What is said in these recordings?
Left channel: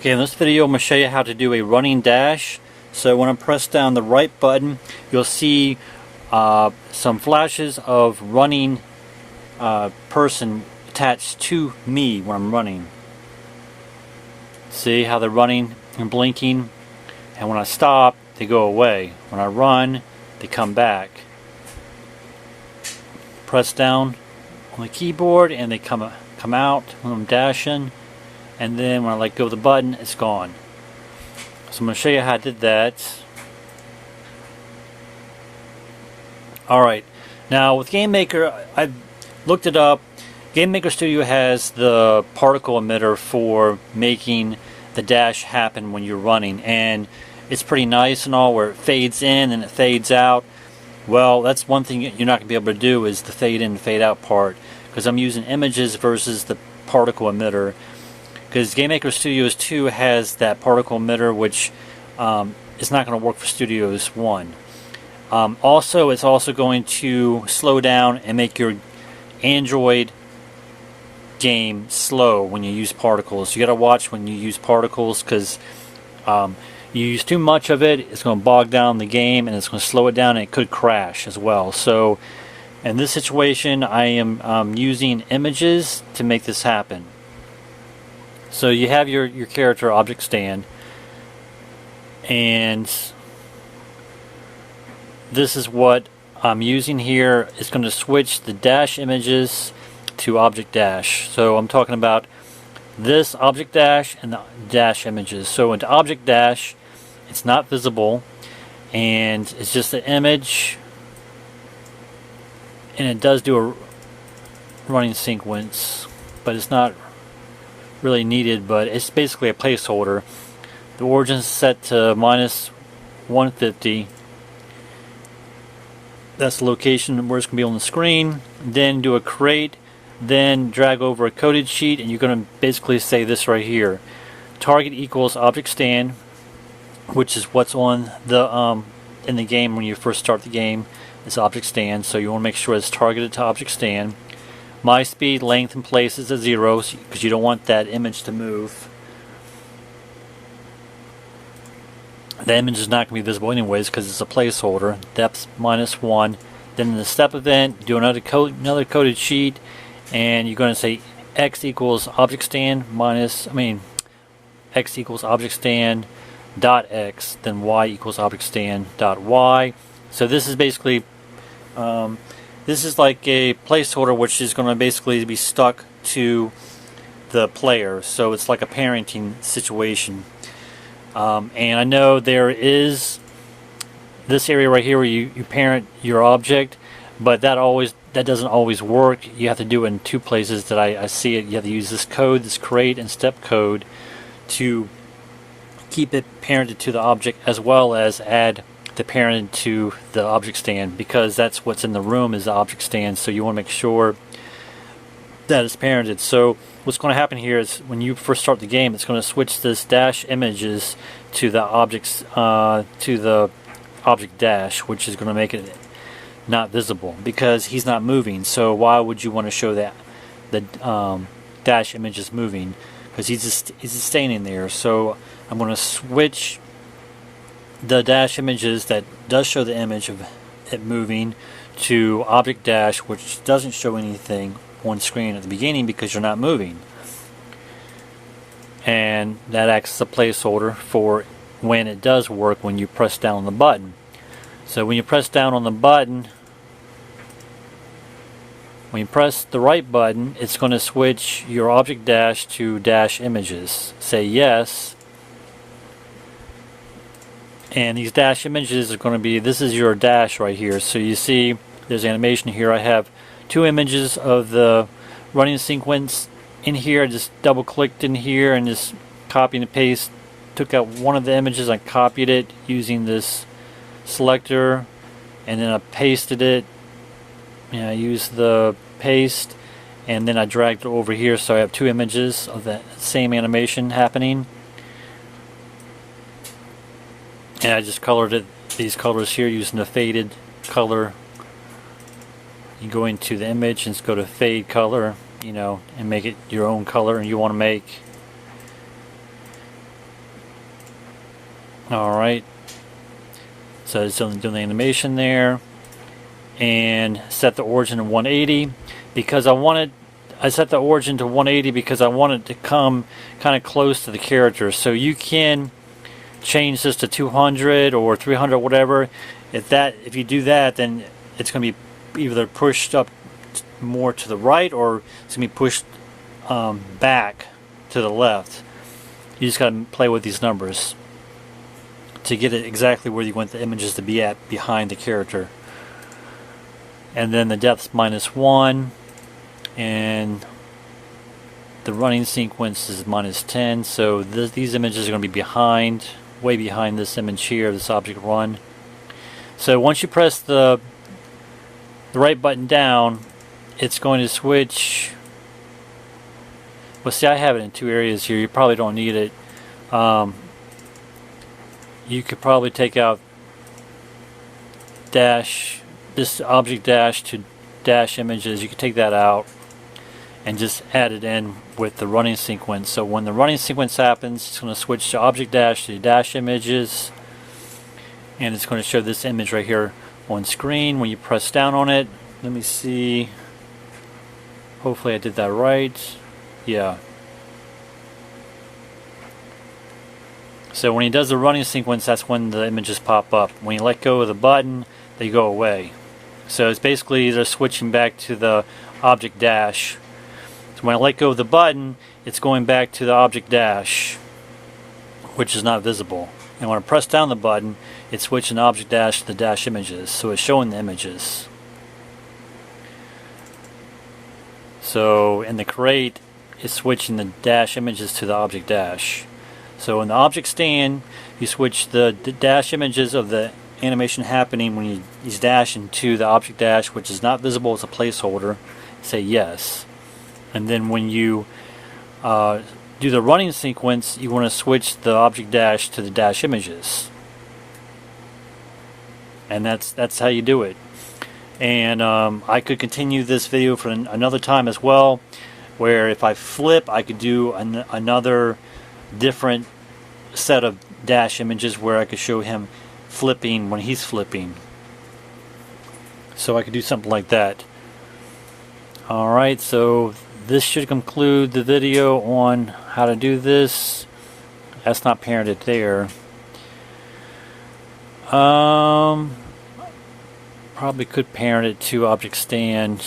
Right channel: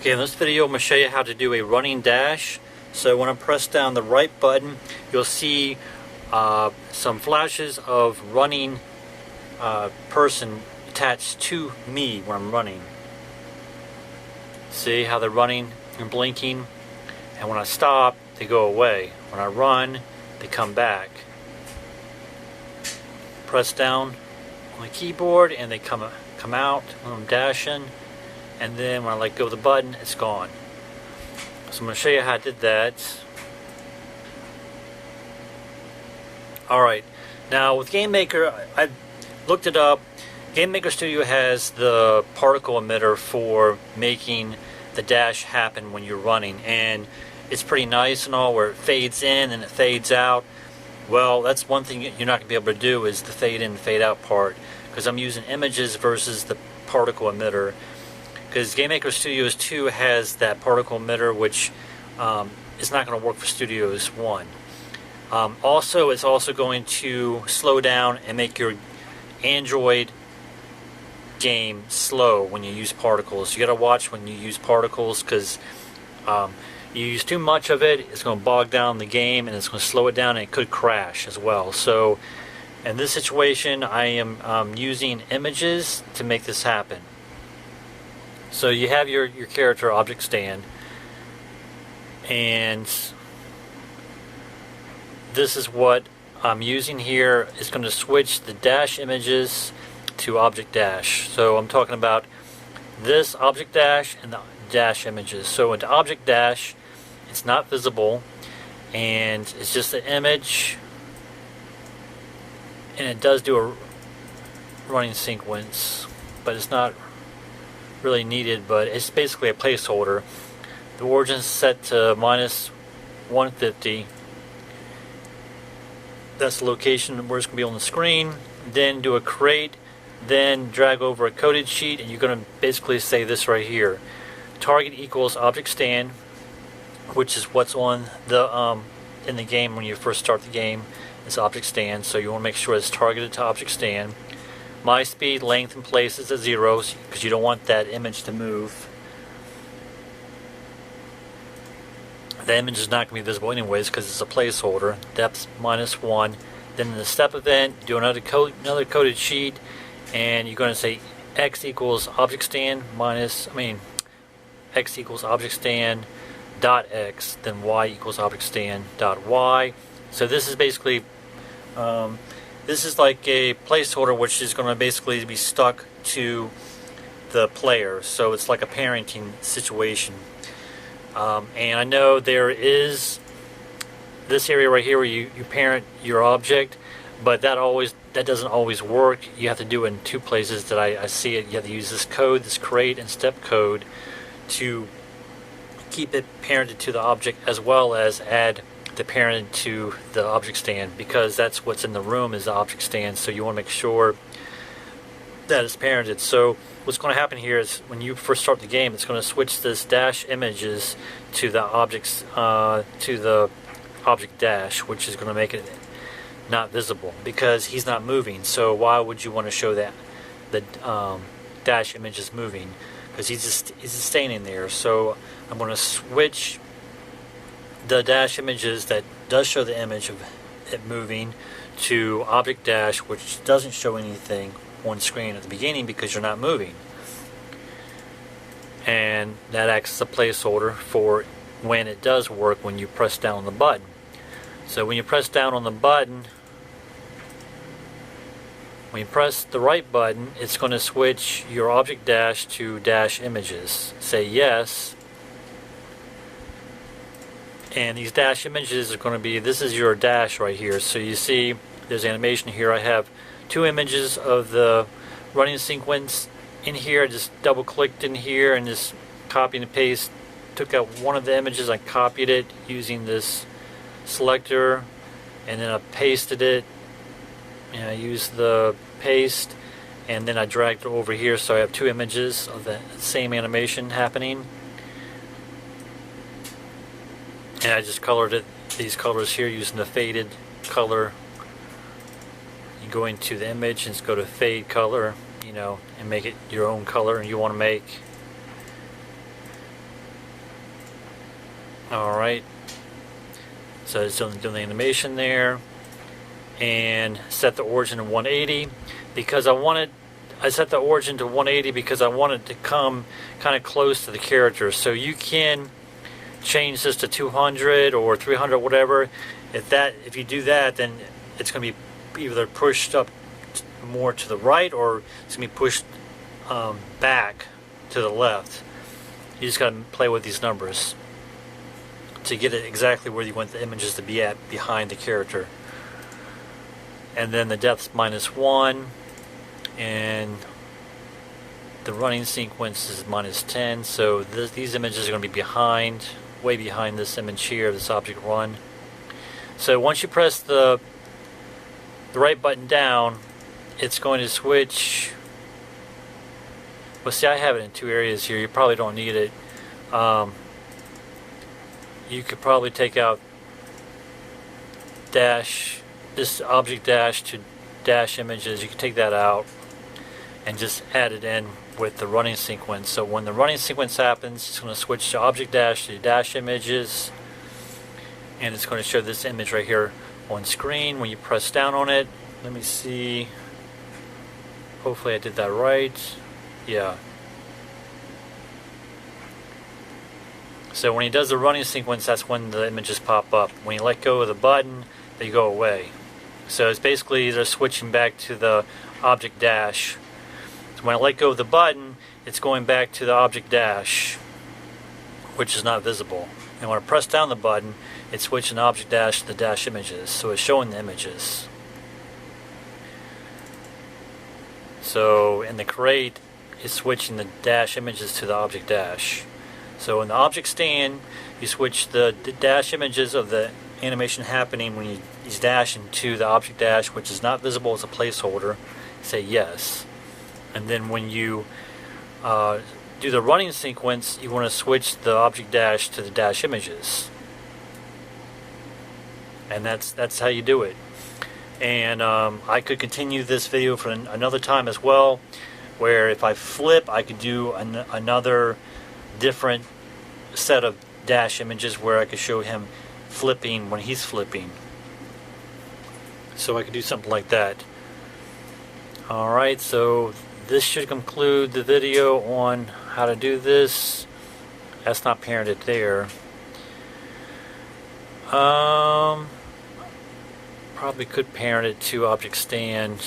Okay, in this video I'm going to show you how to do a running dash. So when I press down the right button, you'll see some flashes of running person attached to me when I'm running. See how they're running and blinking? And when I stop, they go away. When I run, they come back. Press down on the keyboard and they come out when I'm dashing. And then when I let go of the button, it's gone. So I'm going to show you how I did that. Alright, now with GameMaker, I looked it up. GameMaker Studio has the particle emitter for making the dash happen when you're running. And it's pretty nice and all, where it fades in and it fades out. Well, that's one thing you're not going to be able to do, is the fade in and fade out part. Because I'm using images versus the particle emitter. Because GameMaker Studios 2 has that particle emitter, which is not going to work for Studios 1. Also, it's also going to slow down and make your Android game slow when you use particles. You got to watch when you use particles, because you use too much of it, it's going to bog down the game and it's going to slow it down, and it could crash as well. So in this situation, I am using images to make this happen. So you have your character object stand, and this is what I'm using here. It's going to switch the dash images to object dash. So I'm talking about this object dash and the dash images. So into object dash, it's not visible, and it's just an image, and it does do a running sequence, but it's not really needed, but it's basically a placeholder. The origin is set to -150. That's the location where it's going to be on the screen. Then do a create, then drag over a coded sheet, and you're going to basically say this right here: target equals object stand, which is what's on the in the game when you first start the game. It's object stand, so you want to make sure it's targeted to object stand. My speed, length, and place is at 0, because you don't want that image to move. The image is not going to be visible anyways, because it's a placeholder. Depth -1. Then in the step event, do another coded sheet, and you're going to say x equals object stand x equals object stand dot x, then y equals object stand dot y. So this is basically this is like a placeholder, which is going to basically be stuck to the player. So it's like a parenting situation. And I know there is this area right here where you parent your object, but that doesn't always work. You have to do it in two places that I see it. You have to use this code, this create and step code, to keep it parented to the object, as well as add the parent to the object stand, because that's what's in the room, is the object stand. So you want to make sure that it's parented. So what's going to happen here is, when you first start the game, it's going to switch this dash images to the objects to the object dash, which is going to make it not visible because he's not moving. So why would you want to show that the dash image is moving? Because he's just standing there. So I'm going to switch the dash images that does show the image of it moving to object dash, which doesn't show anything on screen at the beginning because you're not moving. And that acts as a placeholder for when it does work, when you press down on the button. So when you press down on the button, when you press the right button, it's going to switch your object dash to dash images. Say yes, and these dash images are going to be, this is your dash right here. So you see there's animation here. I have two images of the running sequence in here. I just double clicked in here and just copy and paste, took out one of the images, I copied it using this selector, and then I pasted it, and I used the paste, and then I dragged it over here, so I have two images of the same animation happening. And I just colored it, these colors here, using the faded color. You go into the image and just go to fade color, and make it your own color. And you want to make Alright, so it's doing the animation there, and set the origin to 180 because I set the origin to 180 because I want it to come kind of close to the character. So you can change this to 200 or 300, whatever. If you do that, then it's going to be either pushed up more to the right or it's going to be pushed back to the left. You just got to play with these numbers to get it exactly where you want the images to be at behind the character. And then the depth's -1. And the running sequence is -10, so these images are going to be behind, way behind this image here, this object run. So once you press the right button down, it's going to switch. Well, see, I have it in 2 areas here. You probably don't need it. You could probably take out this object dash to dash images. You could take that out and just add it in with the running sequence. So when the running sequence happens, it's going to switch to object dash to dash images, and it's going to show this image right here on screen when you press down on it. Let me see. Hopefully I did that right. Yeah. So when he does the running sequence, that's when the images pop up. When you let go of the button, they go away. So it's basically they're switching back to the object dash. So when I let go of the button, it's going back to the object dash, which is not visible. And when I press down the button, it's switching the object dash to the dash images. So it's showing the images. So in the crate, it's switching the dash images to the object dash. So in the object stand, you switch the dash images of the animation happening when he's dashing to the object dash, which is not visible as a placeholder. Say yes. And then when you do the running sequence, you want to switch the object dash to the dash images. And that's how you do it. And I could continue this video for another time as well, where if I flip, I could do another different set of dash images where I could show him flipping when he's flipping. So I could do something like that. Alright, so this should conclude the video on how to do this. That's not parented there. Probably could parent it to object stand,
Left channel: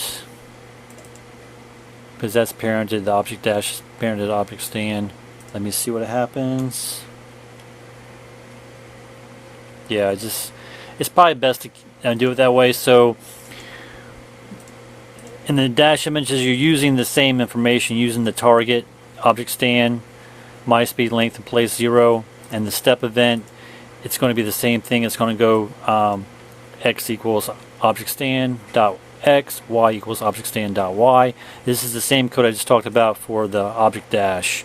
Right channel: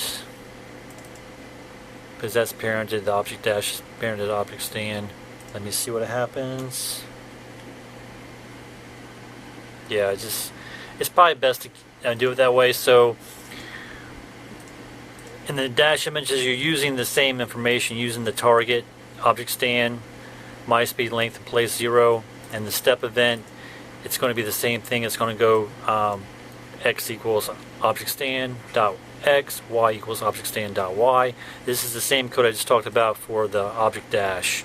because that's parented. The object dash is parented object stand. Let me see what happens. Yeah, it's probably best to do it that way. So in the dash images, you're using the same information, using the target, object stand, myspeed, length, and place 0, and the step event. It's going to be the same thing. It's going to go x equals object stand dot x, y equals object stand dot y. This is the same code I just talked about for the object dash.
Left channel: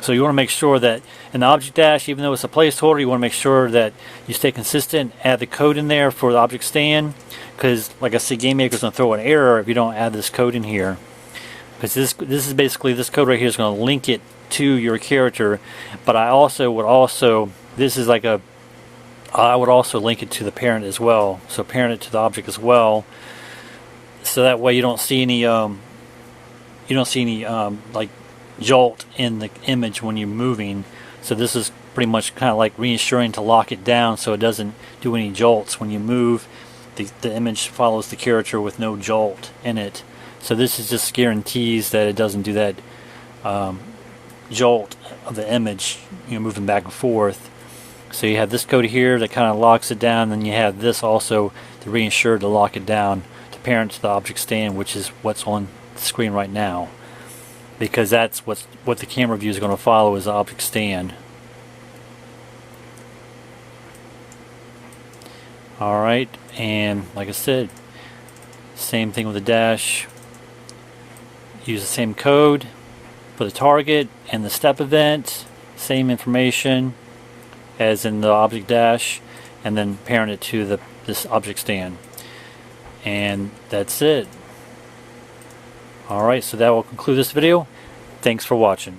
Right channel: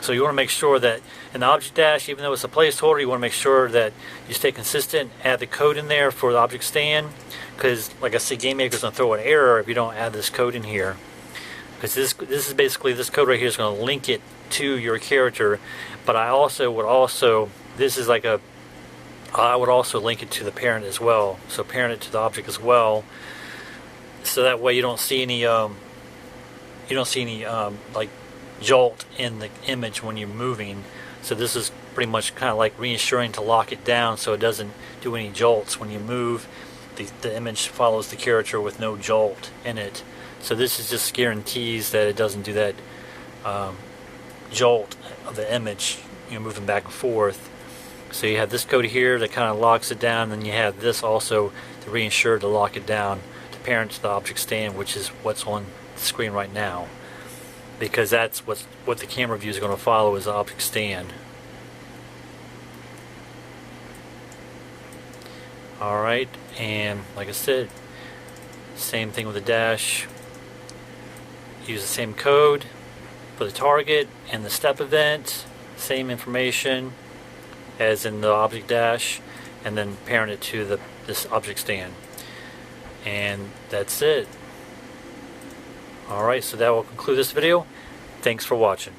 So you want to make sure that in the object dash, even though it's a placeholder, you want to make sure that you stay consistent, add the code in there for the object stand, because like I said, GameMaker's going to throw an error if you don't add this code in here. Because this is basically, this code right here is going to link it to your character, but I also would this is like I would also link it to the parent as well. So parent it to the object as well, so that way you don't see any like jolt in the image when you're moving. So this is pretty much kind of like reassuring to lock it down so it doesn't do any jolts when you move. The image follows the character with no jolt in it. So this is just guarantees that it doesn't do that jolt of the image, moving back and forth. So you have this code here that kind of locks it down, and you have this also to reinsure to lock it down to parent to the object stand, which is what's on the screen right now, because that's what the camera view is going to follow, is the object stand. Alright, and like I said, same thing with the dash. Use the same code for the target and the step event, same information as in the object dash, and then parent it to this object stand. And that's it. Alright, so that will conclude this video. Thanks for watching.